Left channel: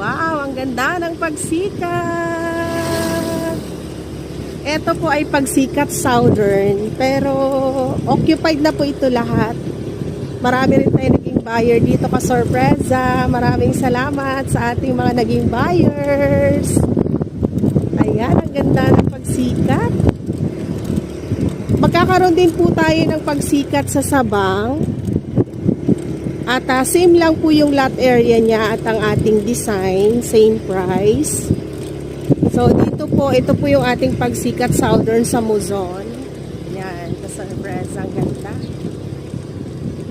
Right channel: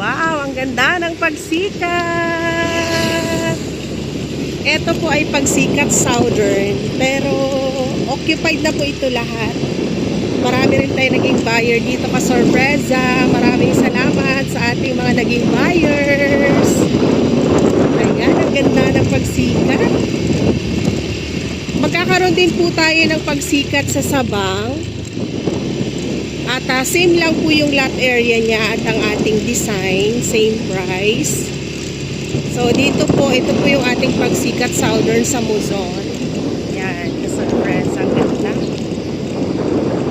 Wow, ang ganda ng pagsikat. Ito po ay pagsikat Southern, pero occupied na po ito lahat. Marami rin tayo naging buyer dito ka Sorpresa. Maraming salamat sa ating mga naging buyers. Ayan, ang ganda ng pagsikat. Magkakaroon din po tayo ng pagsikat sa Sabang. At same lang po yung lot area niya at ang ating design, same price. So dito po, ito po yung ating pagsikat Southern sa Muzon. Yan, ka-Sorpresa, ang ganda.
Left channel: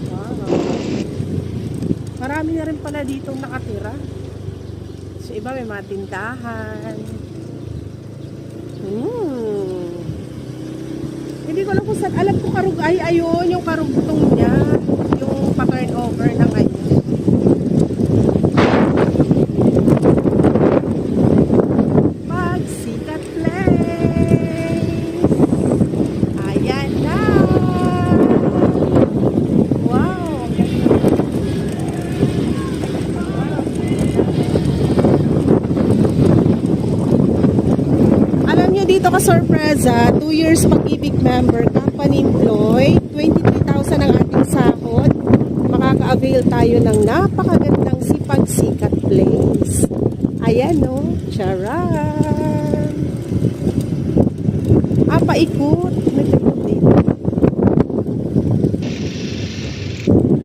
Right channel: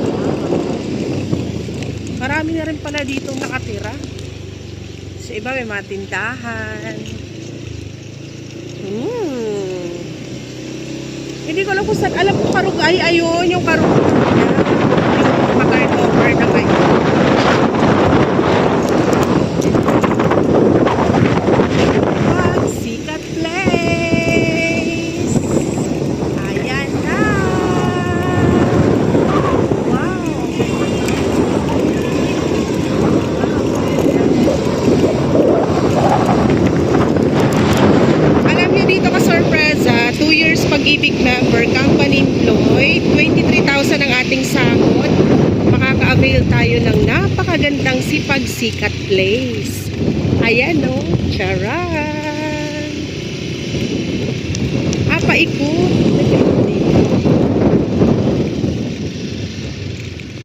Wow. Marami na rin pala dito nakatira. Sa iba may mga tindahan. Hindi ko alam kung saan. Alam ko Karugay, ayun, yung Karugay niya. Yung pa-turnover na kayo. Pagsikat Place. Ayan na. Wow. Alam niyo dito ka Sorpresa, 2 years pag-ibig member, company employed, 23,000 ang ating sahod. Makaka-avail tayo ng napakagandang Pagsikat Place. Ayan o, charan! Paikot.